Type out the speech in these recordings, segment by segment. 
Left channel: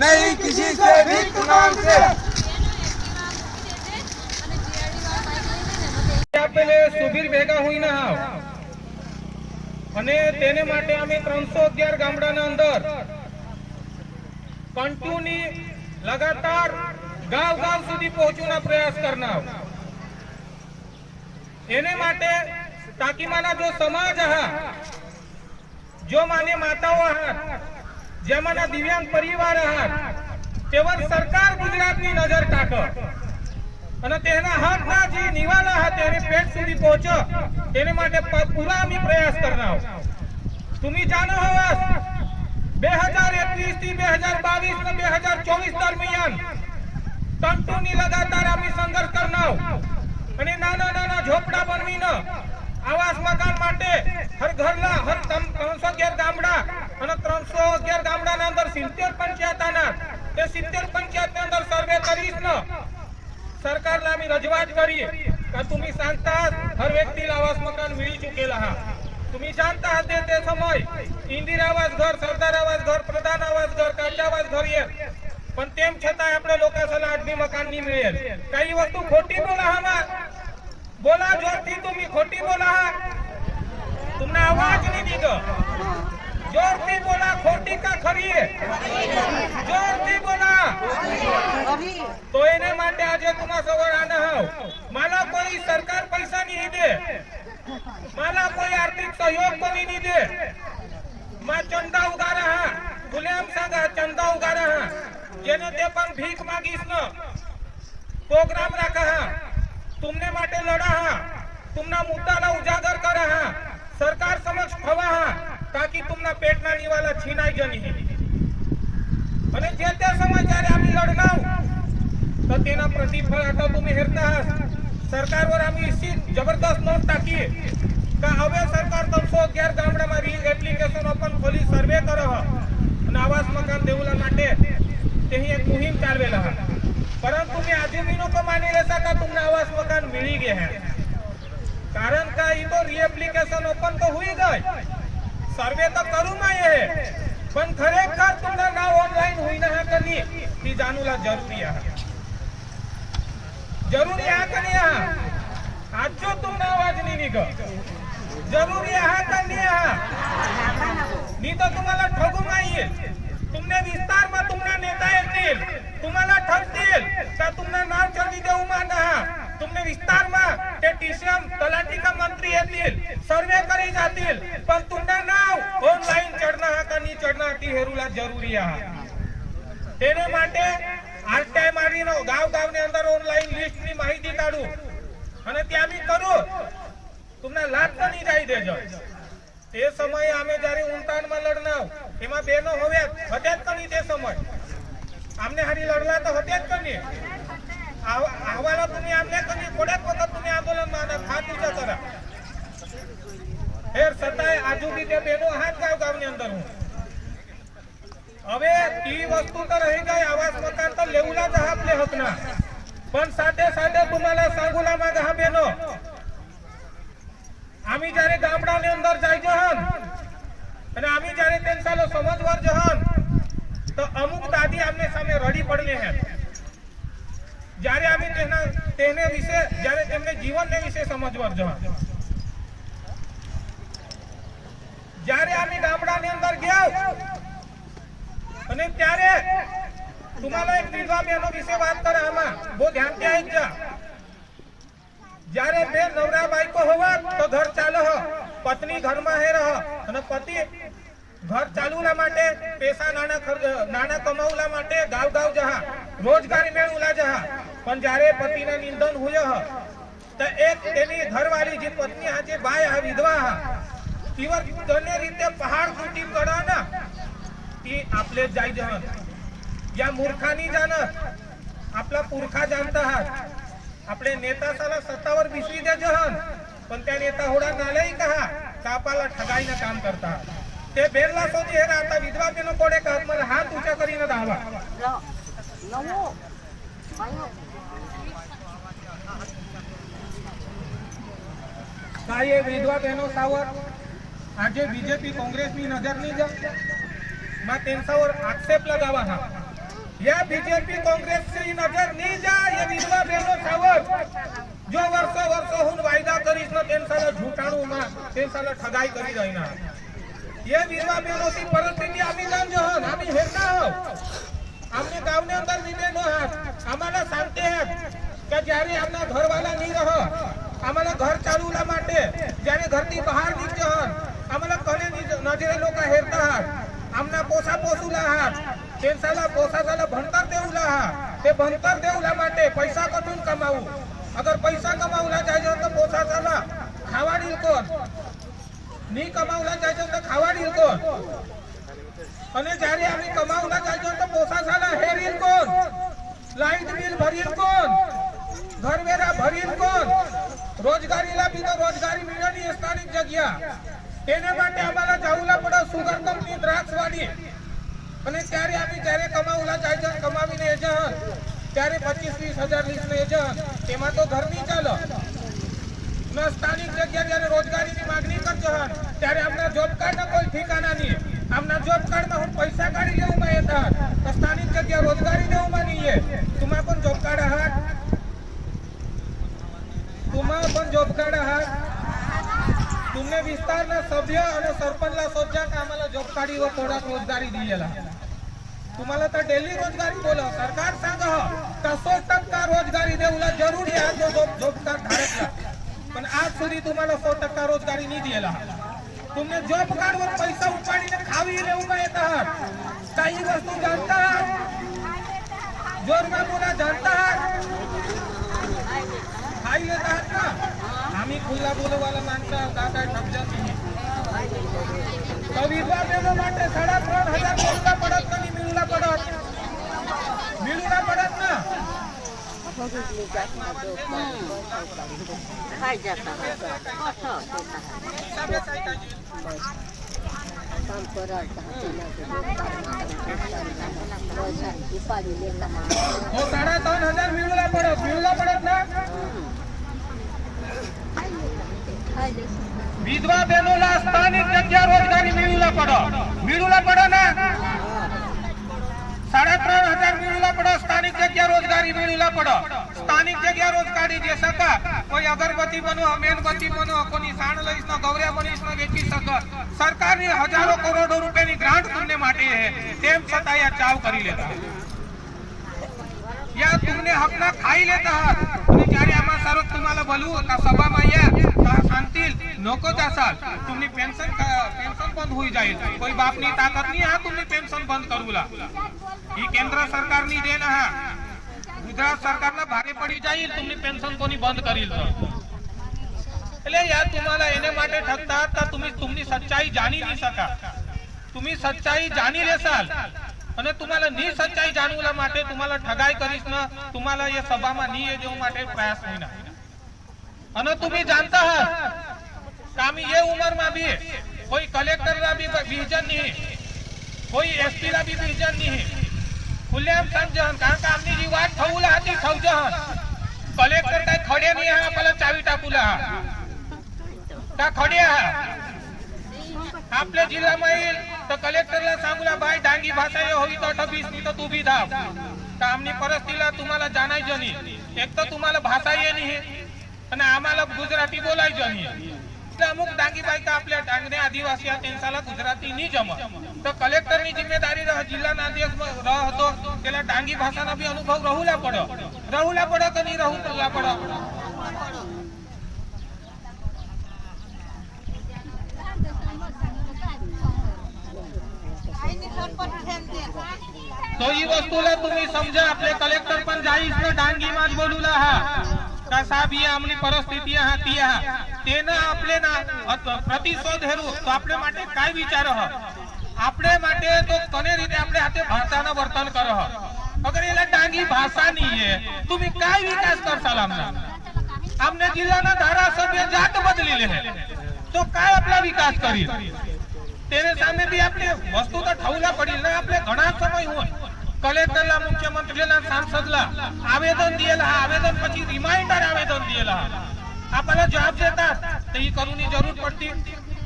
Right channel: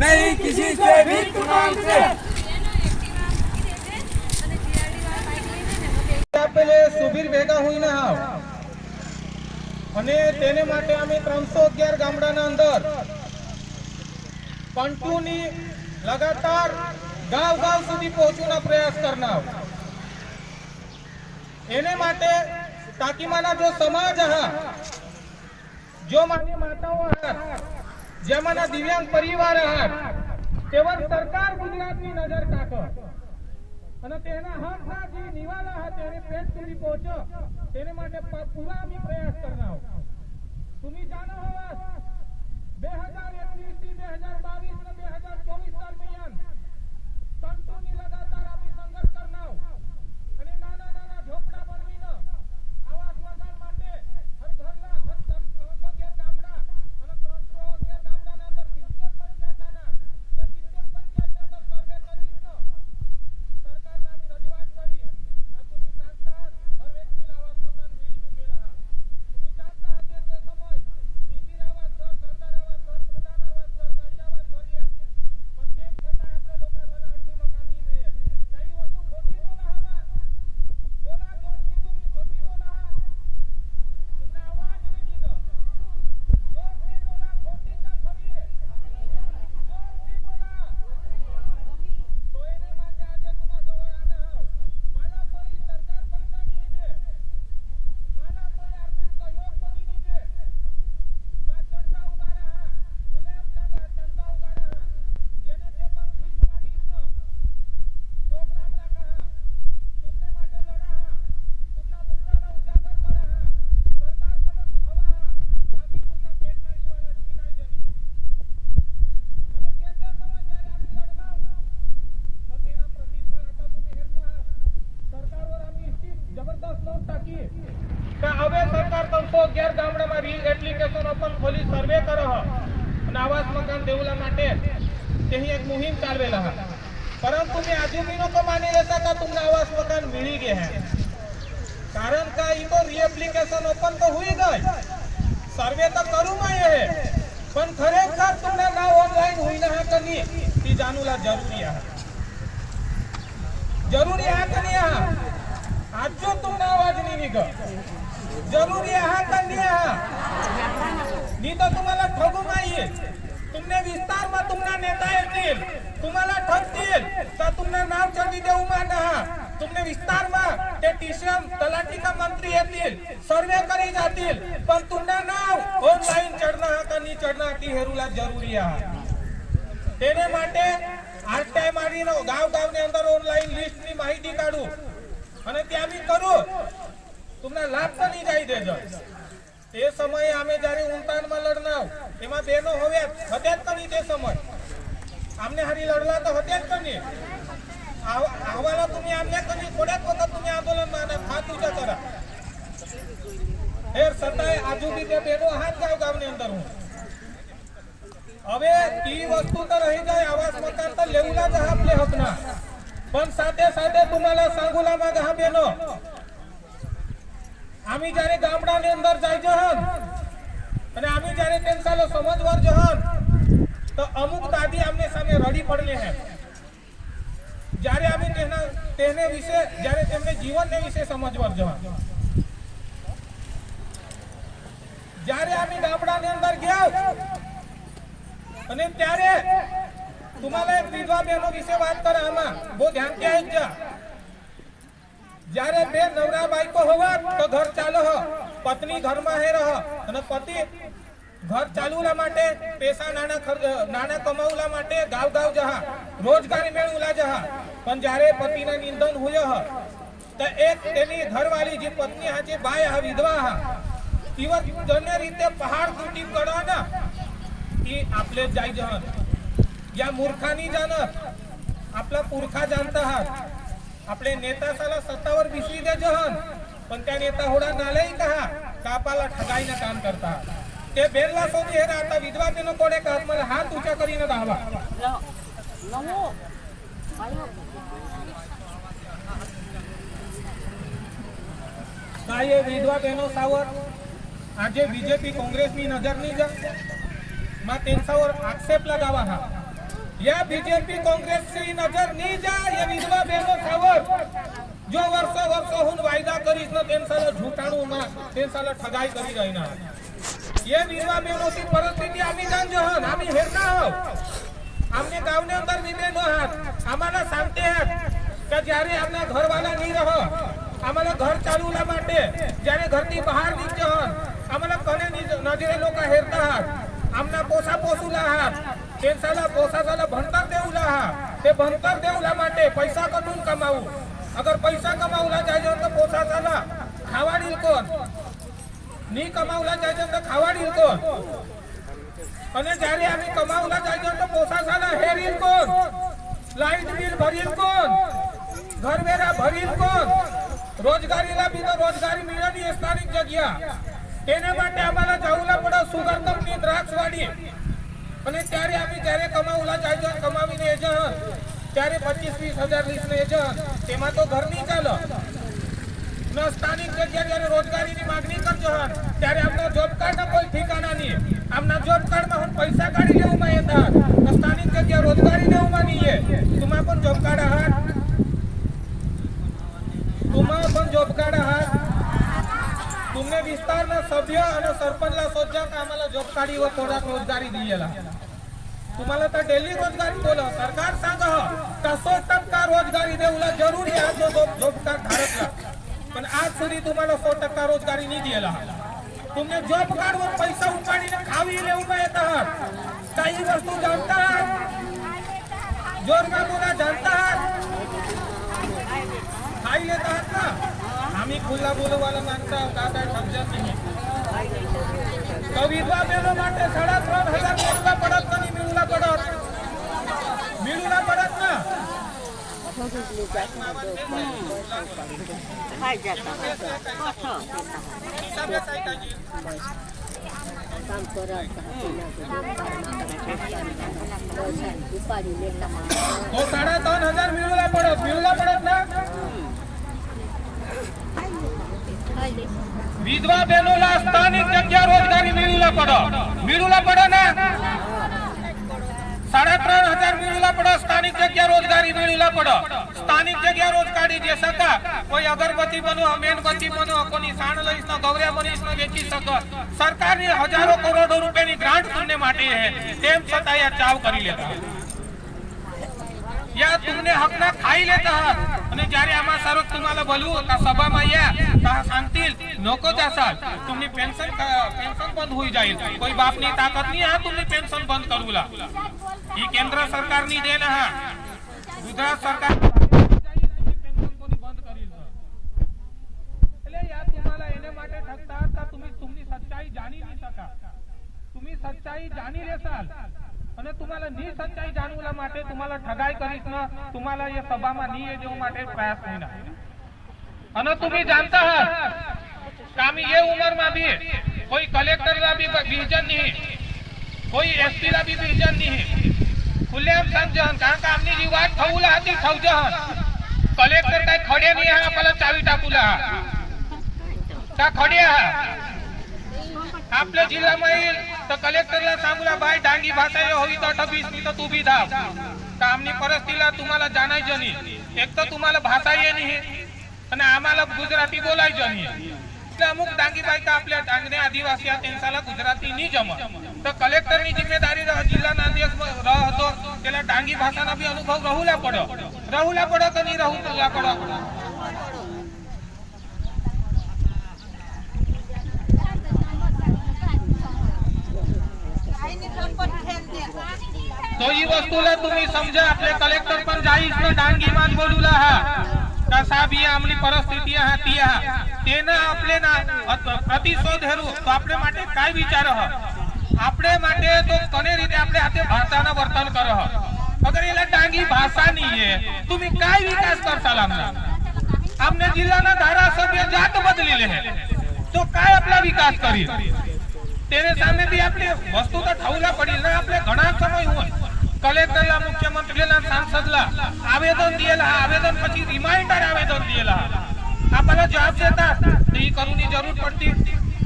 नहीं किसी से भीख मांगते। પેલે સુબીર ભેગા હોઈને આવ અને તેને માટે અમે 311 ગામડાના અંદર કંટુની લગાતાર ગાવ ગાવ સુધી પહોંચવાનો પ્રયાસ કરનાર એને માટે ताकि माना जो समाज है जो माने माताओं है जे माना दिव्यांग परिवार है तेवर सरकार गुजरात की नजर टाके અને તેના હકના જે નિવાલા હતા તેને પેટ સુધી પહોંચો તેને માટે પૂરા અમે પ્રયાસ કરનાર तुम्ही जानो हवास 2021 થી 2022 ને 2024 દરમિયાન કંટુની લગાતાર અમે સંઘર્ષ કરનાર અને નાના નાના ઝોપડા બનવીને आवास मकान माटे हर घरला हर 311 गामडा અને 311 ગામડાના અંદર 70 પંચાયતના તે 70 પંચાયતના અંદર સર્વે કરીશ ને સરકારला आम्ही रजवात करी का तुम्ही सांगता हर व्यक्तीला आवास मकान मिळू चुकेला हा तुम्ही जानता हते ते समय इंदिरा आवास घर सरदार आवास घर प्रधान आवास घर काचा आवास घर ये पण तेम छतांय आपल्या लोकांना आठवी मकान नहीं मिळेल काही वस्तू खोटी बोला हा बोला जोरથી तुम्ही खोटी बोला तुमने आवाज नहीं दीगो जोरથી बोला खोटी का खरी है जोरથી बोला तो એને માટે આજે तुम्हा सवर आना हो माला कोई सरकार पैसा नहीं दे माला कोई आर्थिक सहयोग को नहीं दे मैं चंदा उगारा हां गुलाम सांगा चंदा उगारा हां जेने ते पण भीख मागीस न प्रोग्राम रखा हां तुमने माटे लड़ा हा तुमना मुद्दाला उजागर करा हा सरकार समक्ष खवा हा ताकि तुमना पेटना निवाला छीनाई जनी અને જે તે સમય જ્યારે આમી લડનાવ તો તેના પ્રતિફળ आता तुम्ही हेरता सरकारवर आम्ही इसी जबरदस्त नोट टाकी का હવે સરકાર 311 ગામડામાં રી એપ્લિકેશન ઓપન ખોલી સર્વે કરો અને આવાસ મકાન દેવલા માટે તેની એક મુહિમ ચાલવેલા હા परंतु मैं आजूबीनों को मानी लेता का तुमने आवास मकान मिली गए हैं कारण का ये तो री एप्लिकेशन ओपन तो हुई गई सर्वे तो करूँ मैं ये पण खरेखर तुमने नाव ऑनलाइन हुई ना है कनी ती जानूला जरूरी है कनी है आज जो तुमने आवाज नहीं निघो जरूरी है कनी है नहीं तो तुम्हाला ठगू माहिए तुमने विस्तार में तुमना नेता येतील तुम्हाला ठगतील का तुमना नाव जल्दी देऊ माना तुमने विस्तार में ते टीसीएम तलाठी का मंत्री येतील सर्वे करी जातील पण तुमना नाव ऑनलाइन चढ़ना का नहीं चढ़ना ती हेरुला जरूरी है तेने माटे आरटीआई मारीनो गाव ने अंदर ऑनलाइन लिस्ट ની માહિતી કાઢું અને ત્યાં મી કરું तुमना लाभ तो नहीं जाई देजो તે સમયે અમે જ્યારે ઉંતાણમાં લડનાવ એમાં બેનો હોવે હત્યા કની તે સમય આમને હારી લડલા તો હત્યા કની આવાલા तुम्ही આમને કની થોડેક વખત तुम्ही આંદોલનમાં હાથ ઊંચા કરા ફેર સતાય આજુબી તે બેનો હાથ ગાવની અંદર હું હવે ઈ વસ્તુ તો રહી ગઈ આવાસ મકાન તો લેવુલા જ આપલે હકના પણ સાથે સાથે तुम्हाला सांगुलाમાં ગા બેનો आम्ही जारे गामडाने अंदर जाय जहन અને आम्ही जारे तेंसालो समजवर जहन तो अमुक दादी आमने सामे रडी पडले हैं जारे आम्ही तेने विषय जारे तेमने जीवन ने विषय समजवर जहन जारे आम्ही गामडाने अंदर गया અને ત્યારે तुम्हाला एक विधवा बहनो विषय बात करे आमा वो ध्यान के आई जा जारे बे नवरा बायको होवा तो घर चालो हो पत्नी घर में है रह અને પતિ घर चालूला माटे पैसा नाना कमाऊला माटे गाव जहा रोजगारी मेळवला जहा पण जारे पतिना निंदन होय ह तो एक तेनी घरवाली जी पत्नी हा जे बाय हा विधवा हा तीवर जने रीते पहाड़ तूटी पडा ना ती आपले जाय जहन या मूर्खानी जान आपला पुरखा जानता हा आपले नेता साला सत्तावर बिसवी दे जहन पण त्या नेता होडा नालय कहा कापाला ठगाईना काम करता ते बेरला सोदी हे आता विधवा तेनो कोडे का मला हात ऊंचा करीने दावा काय ये विधवा बहनो सावर आजे बीजेपी कांग्रेस ની नजर नहीं जा मा तेंसावर आक्षेप लगावा हा या बीजेपी काँग्रेसची नजर नहीं जाए ये विधवा बहनों सावर जो वर्षोहून वायदा करीस न तेनसाला झूठाणू ना तेनसाला ठगाई करी रहीना ये विधवा बहनोची परिस्थिती आम्ही जाणतो आम्ही हेरता आहोत आमने गावने अंदर निवेदन आहात आम्हाला सांगते आहेत કે જ્યારે આપના ઘરવાળા નહીં રહો આમાલા ઘર ચાલુલા માટે જ્યારે ઘરથી બહાર નીકળો આમાલા કને નજરે લોકો હેરતા હાત આમના પોસા પોસુલા હાત તેનસાલા પોસાસાલા ભણતર દેઉલા હા તે ભણતર દેઉલા માટે પૈસા કટુન કમાવું અગર પૈસા કમાવલા જાય તો પોસાસાલા ખાવાડીલ કોણ ની કમાવલા જાય તો ખાવાડીલ કોણ અને જ્યારે આમી કમાવલા જાય તો પોસાસાલા હેરીલ કોણ લાઈટ બિલ ભરીલ કોણ घर मेरा भरील कोण रोजगारी लाभी तो रोजगारी मिळणी स्थानिक जग्या તેને માટે અમારા જાઉલા પડે સુગર કંપની દ્રાક્ષવાડી અને ત્યારે આમી જ્યારે કમાવલા જાય છે કમાવીને જ ત્યારે 25-20 હજાર લીસને જ તેમાં તો ઘર નહીં ચાલે ન સ્થાનિક જગ્યા જ્યારે રોજગારીની માંગણી કરજો ત્યારે આપના જોબ કાર્ડના કોઈ ઠેકાણા નહીં આપના જોબ કાર્ડમાં હું પૈસા કાઢી લેવામાં येतात સ્થાનિક જગ્યા રોજગારી લેવામાં નહીં तुम्हा पण જોબ કાર્ડ आहात तुम्हाला पण जॉब कार्ड आहात तुमने विस्ताરના સભ્ય અને સરપંચला सोचा का आम्हाला जॉब कार्ड व थोडा रोजगारी दिलेला तुम्हाला तर डेली रोजगारी बोला सरकार सांगा का 100% रोजगारी देऊला जरूरी आहे जो जॉब कार्ड धारकला पण आज સુધી तुम्हाला 100% रोजगारी नहीं दिलेला तुमने जॉब कार्ड वर पैसा उपाडीने खावी लेऊमा येतात काही वस्तू जानता जोरमा बोला जानता खाई लेता है ना आम्ही खुला बोलो वाला माणसा का काय ठगजत नाही तो विधवा बहनों માટે 3,500 मिळूला पडत नाही मिळूला पडत ना तो 3,500 मिळूला पडत ना विधवा बहनोला स्थानिक जग्या रोजगारी मिळूला पड ना 3,500 मिळूला पड स्थानिक जग्या रोजगारी मिळूला पड स्थानिक जग्या रोजगारी जे सका कोई अगरबत्ती बनो मेणबत्ती बनो कोनी साण लईस न गौऱ्या बनीस न वेची सक सरकारनी हजारों करोड़ो રૂપિયાની ગ્રાન્ટ તમને માટે હે તેમ છતાં આ ચાવ કરી લેતા या तुमने हकना खाई लेता आहात आणि જ્યારે આમાં સારો तुम्हाला बोलू का सभाમાં या का सांगतील नको जासाल तुम्ही पेन्शन बंद होई जाईल कोई बापनी ताकद नहीं हा तुम्ही पेन्शन बंद करूला ही केंद्र सरकारनी देन हा गुजरात सरकारना भागे पડી जाईल तुम्ही पेन्शन कोणी बंद करील એટલે या तुम्हाला એને માટે ठगता का तुम्ही सच्चाई जाणी नहीं सका तुम्ही सच्चाई जाणी लेसाल અને तुम्हाला ની સચ્ચાઈ જાણવાલા માટે तुम्हाला ठगाई करीस न तुम्हाला ये सभाમાં ની જેવું માટે પ્રયાસ होईना અને तुम्ही जानता आहात का आम्ही ये उमरमा भी कोई कलेक्टरला भी विजन नहीं कोई एसपीला भी विजन नहीं खुलेआम समजन कारण का आमनी जी वाट ठेवला હતી ठेवजन कलेक्टर काय खडे नाही हा आपल्याला चावी टाकूला का खडे हा आपल्या जिल्ह्याમાં येईल तर कलेक्टरला सांगूला भाई डांगी भाषा ये होई तो 28 नहीं तो तू भी धाव का आमनी परिस्थितीला तुम्हाला जाणायचं नाही एक तर तुम्हाला भाषा ये नाही અને आम्हाला गुजराती बोलायचं नाही अमुक डांगी बायका आपल्या डांगणे आदिवासी त्यांच्याला गुजराती नहीं जम तो कलेक्टर ની जिम्मेदारी जिल्हाના અધ્યક્ષ હતો તેલા डांगी भाषाना भी अनुभव रहूला पड़ो કે નહીં रहूला पड़ो तो ही वस्तूला तुम्ही समजा आपले कलेक्टर पण जाईस न डांगी माज बोलूला हा का साहेब ही आमली परिस्थिती हा ती हा तेना आपले ना प्रतिशोध हेरू तो आपले માટે काय विचार ह आपले માટે तो कने रीते आपले हाथे भाषाना वर्तन कर ह अगर एला डांगी भाषा नहीं है तुम्ही काय विकास करसाल हमने जिल्हाना धारासभ्य जात बदलेले है तो काय आपला विकास करी तेरे सामे भी आपले वस्तु तो ठेवला पडील ना आपले घणा समय होय कलेक्टरला मुख्यमंत्रीला सांसदला आवेदन दिएला आवेदन પછી रिमाइंडर आवेदन दिएला आपल्याला जवाब देतात तर ही करूनी जरूर पडती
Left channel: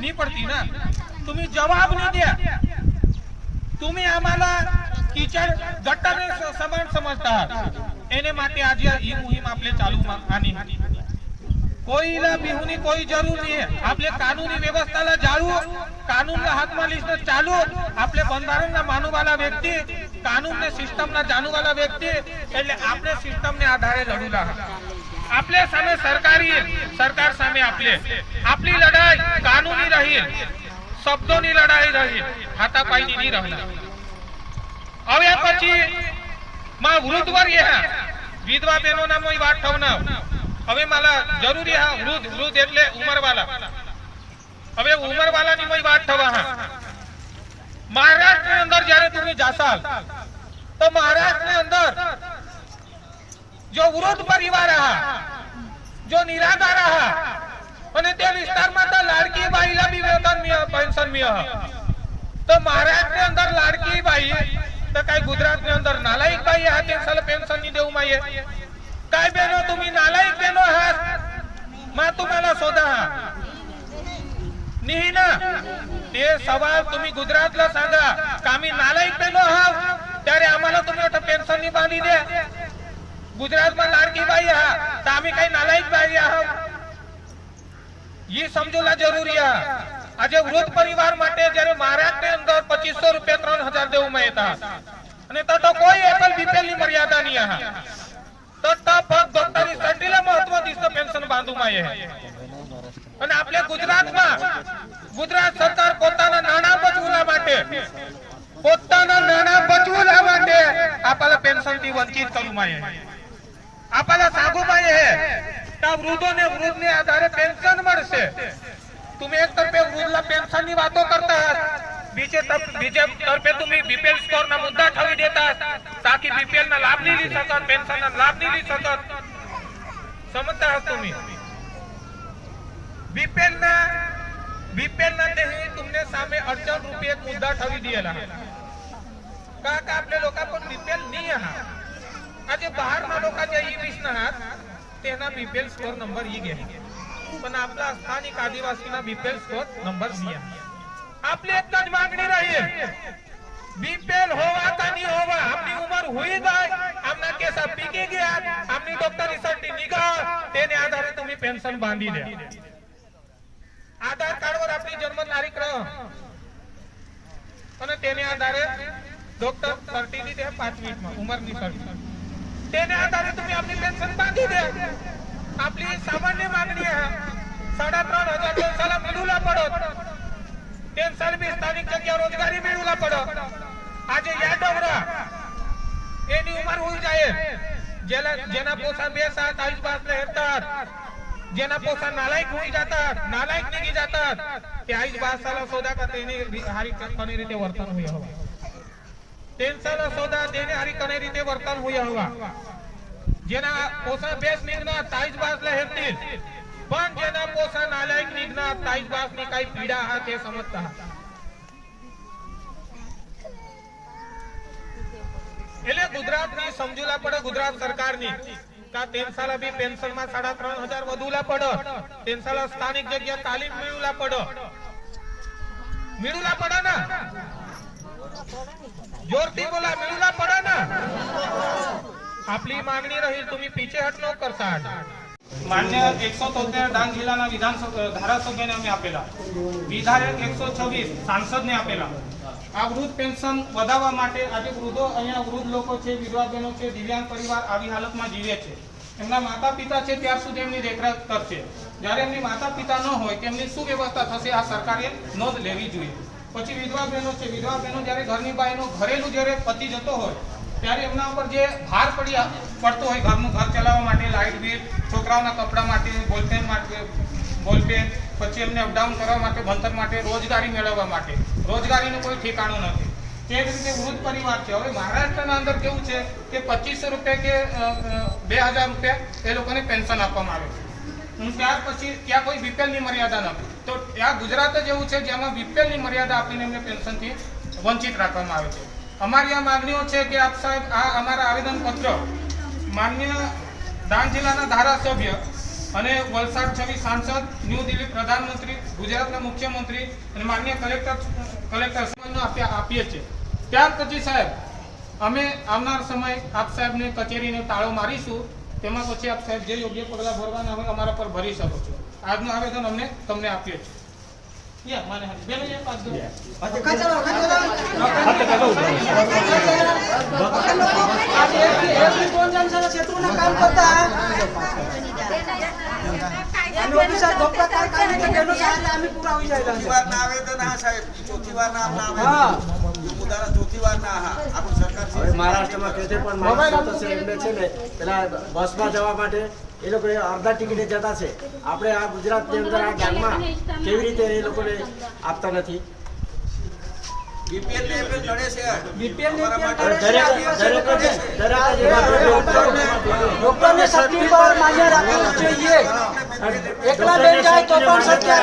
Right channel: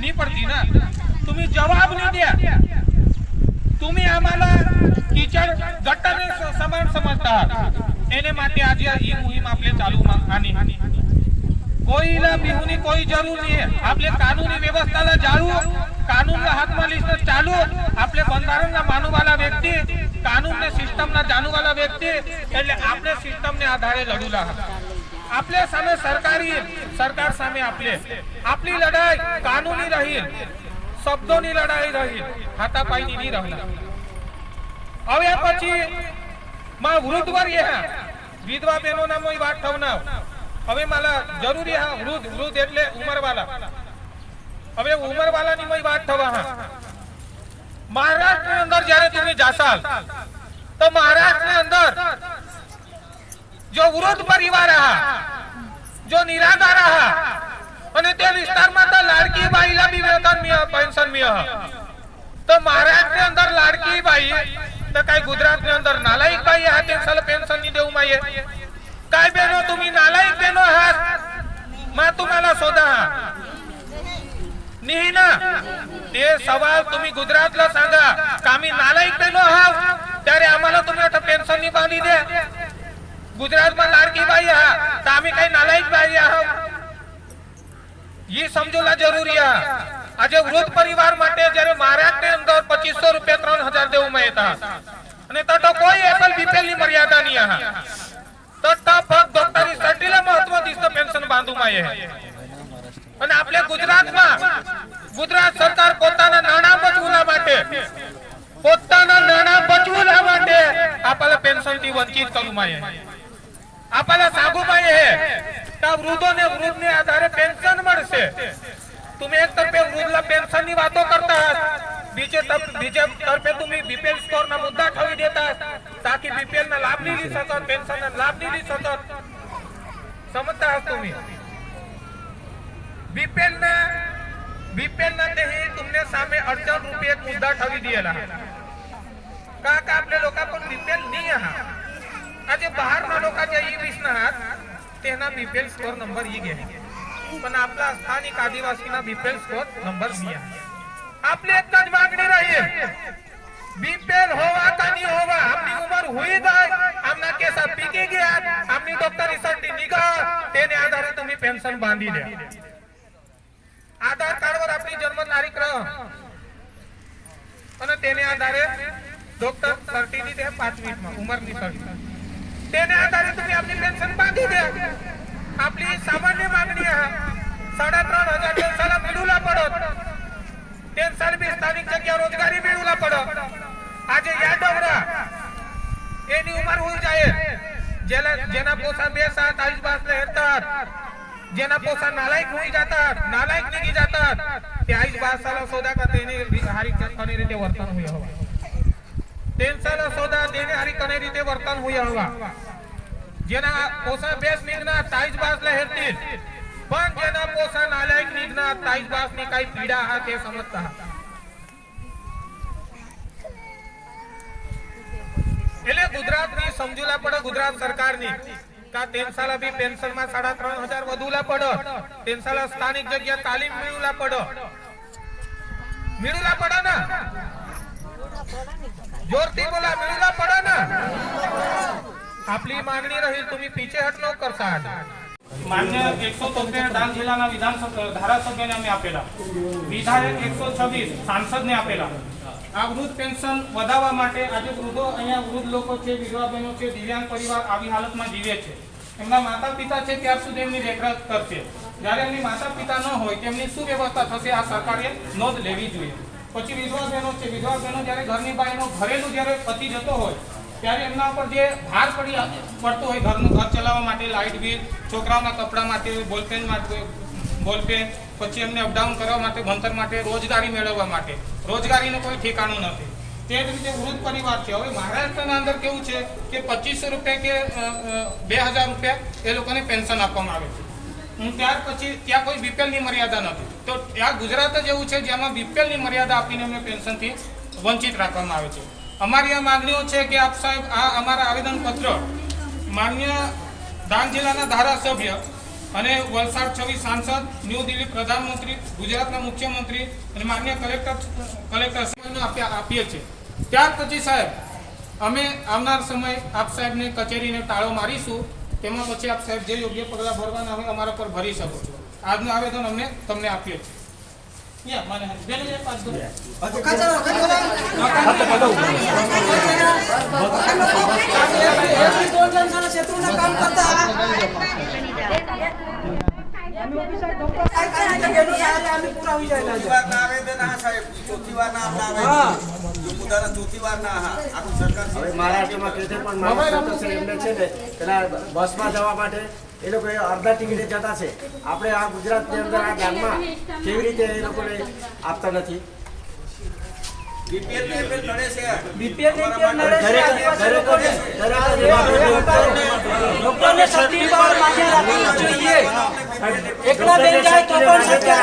नहीं पडती ना तुम्ही जवाब नहीं द्या तुम्ही आम्हाला किचड गटर समजता एने माटे आज ई मुहिम आपले चालू आनी कोईला बिहुनी कोई जरूर नहीं है आपले कानूनी व्यवस्थाला जाळू कानूनला हातમાં લીધો ચાલू आपले બંધારણના માનવાવાળા વ્યક્તિ કાનૂનને સિસ્ટમના જાણવાવાળા વ્યક્તિ એટલે આપણે સિસ્ટમને આધારે લડુલા आपले सामे सरकार सामे आपली लड़ाई कानूनी रही शब्दों लड़ाई रही हाथापाई नहीं रहना હવે પછી માં વૃદ્ધ વર્ય વિધવા બહેનોના મોય વાત થવના હવે માલા જરૂરી હા વૃદ્ધ એટલે ઉંમરવાળા હવે ઉંમરવાળાની મોય વાત થવા હા મહારાષ્ટ્ર અંદર જ્યારે તમે જાસાલ તો મહારાષ્ટ્ર અંદર जो वृद्ध परिवार रहा जो निराधार रहा અને તે વિસ્તારમાં તો લાડકી બાઈલા બી વેતન મે પેન્શન મે તો મહારાષ્ટ્ર અંદર લાડકી બાઈ તો કાઈ ગુજરાત ને અંદર નાલાયક બાઈ આ પેન્શન पेंशन ની દેવું માયે काय बहनो तुम्ही नालायक बहनो आहात मा तुम्हाला शोधा नाही ना ते सवाल तुम्ही गुजरातला सांगा का आम्ही नालायक बहनो आहात त्यारे आम्हाला तुम्ही आता पेन्शन नी बांधी दे गुजरात में लाडकी बाई आहात तर आम्ही काही नालायक बाई आहात ये समजूला जरूरी है आज वृद्ध परिवार माटे जયારે महाराष्ट्र अंदर 2500 रुपये 3000 देવું મળતા અને તો કોઈ એસલ બીપીએલ ની મર્યાદા નહીં આહા તો ફક્ત ડોક્ટરી સર્ટિફિકેટला महत्व दिसतं पेन्शन बांधू माये અને આપણે ગુજરાતમાં ગુજરાત સરકાર પોતાના નાણાં બચવવા માટે આપણા પેન્શન થી વંચિત કરું માये आपल्याला सांगू पाहिजे का वृद्धोने वृद्धने आधारे पेन्शन મળશે तुम्ही एक तर्फे वृद्धला पेन्शन ની વાતો करता बीजे तर्फे तुम्ही बीपीएल स्कोर ना मुद्दा ठेवी देता ताकि बीपीएल ना लाभ नहीं ली सकत पेन्शन ना लाभ नहीं ली सकत समजता आहात तुम्ही बीपीएल ना तेही तुमने सामे 68 रुपये एक मुद्दा ठेवी दिएला का आपले लोक पण बीपीएल नहीं आहात आज बाहर ना लोकांच्या ई-20 ना तेना बीपीएल स्कोर नंबर ई घे पण आपला स्थानिक आदिवासीना बीपीएल स्कोर नंबर बी आहे आपली एकच मागणी राहील बीपीएल होवा का नहीं होवा आपली उमर हुई जाय आमना केसा पीकी गया आमनी डॉक्टरीसाठी निघा तेने आधारे तुम्ही पेन्शन बांधी द्या आधार कार्डवर आपली जन्म तारीख रह અને તેને આધારે ડોક્ટર સર્ટિની દે 5 મિનિટમાં ઉંમરની સર્ટિ तेने आधारे तुम्ही आपली पेन्शन बांधी द्या आपली सामान्य मागणी आहे 3500 पेन्शन मिळूला पडत पेन्शन बी स्थानिक जग्या रोजगारी मिळूला पडत आज या डवरा एनी उमर होई जाय जेना पोसा 2-7 बासले हेरतात जेना पोसा नालायक होई जातात नालायक निघी जातात ते 22 बासाला सोदा का तेने हारी कने रीते वर्तन होई हवा पेन्शन सोदा देने हरी कने रीते वर्तन होई हवा जेना पोसा 20 निघना 23 बासला हेरतील पण जेना पोसा नालायक निघना 23 बास ने काही पीडा हा ते समजता એટલે ગુજરાતની સમજूला પડે ગુજરાત સરકારની का तेनसाला बी पेन्शन માં 3500 વધુલા પડે तेनसाला સ્થાનિક જગ્યા તાલીમ मिळूला પડે ना जोरती बोला मिळूला पडा ना आपली मागणी राहील तुम्ही पीछे हट नको करता मान्य 173 डांग जिल्हाना विधानसभा धारासभ्याने आम्ही आपेला विधायक 126 सांसदने आपेला આ વૃદ્ધ પેન્શન વધારવા માટે આજે વૃદ્ધો અહીંયા વૃદ્ધ લોકો છે વિધવા બહેનો છે દિવ્યાંગ પરિવાર આવી હાલતમાં જીવે છે એમના માતા પિતા છે ત્યાર સુધી એમની દેખરેખ કરશે જ્યારે એમની માતા પિતા ન હોય તેમની શું વ્યવસ્થા થશે આ સરકારે નોંધ લેવી જોઈએ પછી વિધવા બહેનો છે વિધવા બહેનો જ્યારે ઘરની બાઈનો ઘરેલું જ્યારે પતિ જતો હોય ત્યારે એમના ઉપર જે ભાર પડતો હોય ઘરનું ઘર ચલાવવા માટે લાઇટ બિલ છોકરાઓના કપડા માટે બોલપેન પછી એમને અપડાઉન કરવા માટે ભણતર માટે રોજગારી મેળવવા માટે રોજગારીનું કોઈ ઠેકાણું નથી તે જ રીતે વૃદ્ધ પરિવાર છે હવે મહારાષ્ટ્રના અંદર કેવું છે કે 2500 રૂપિયા કે 2000 રૂપિયા એ લોકોને પેન્શન આપવામાં આવે છે ત્યાર પછી ત્યાં કોઈ બીપીએલની મર્યાદા નથી તો ત્યાં ગુજરાત જ એવું છે જેમાં બીપીએલની મર્યાદા આપીને એમને પેન્શનથી વંચિત રાખવામાં આવે છે અમારી આ માંગણીઓ છે કે આપ સાહેબ આ અમારા આવેદનપત્ર માન્ય ડાંગ જિલ્લાના ધારાસભ્ય અને વલસાડ 26 સાંસદ ન્યૂ દિલ્હી પ્રધાનમંત્રી ગુજરાતના મુખ્યમંત્રી અને માન્ય કલેક્ટર આપીએ છીએ ત્યાર પછી સાહેબ અમે આવનાર સમય આપ સાહેબને કચેરીને તાળો મારીશું, તેમાં પછી આપ સાહેબ જે યોગ્ય પગલાં ભરવાના હોય અમારા પર ભરી શકો છો. આજનું આવેદન અમને તમને આપીએ છીએ. યા માને હાથ બેનો યા પાસ દો. મહારાષ્ટ્રમાં કે છે પણ મહારાષ્ટ્ર છે એમને છે ને પેલા બસમાં જવા માટે એ લોકો અડધા ટિકિટે જતા છે. આપણે આ ગુજરાતની અંદર આ ગામમાં કેવી રીતે એ લોકોને આપતા નથી? એકલા બેન જાય તો પણ સરકાર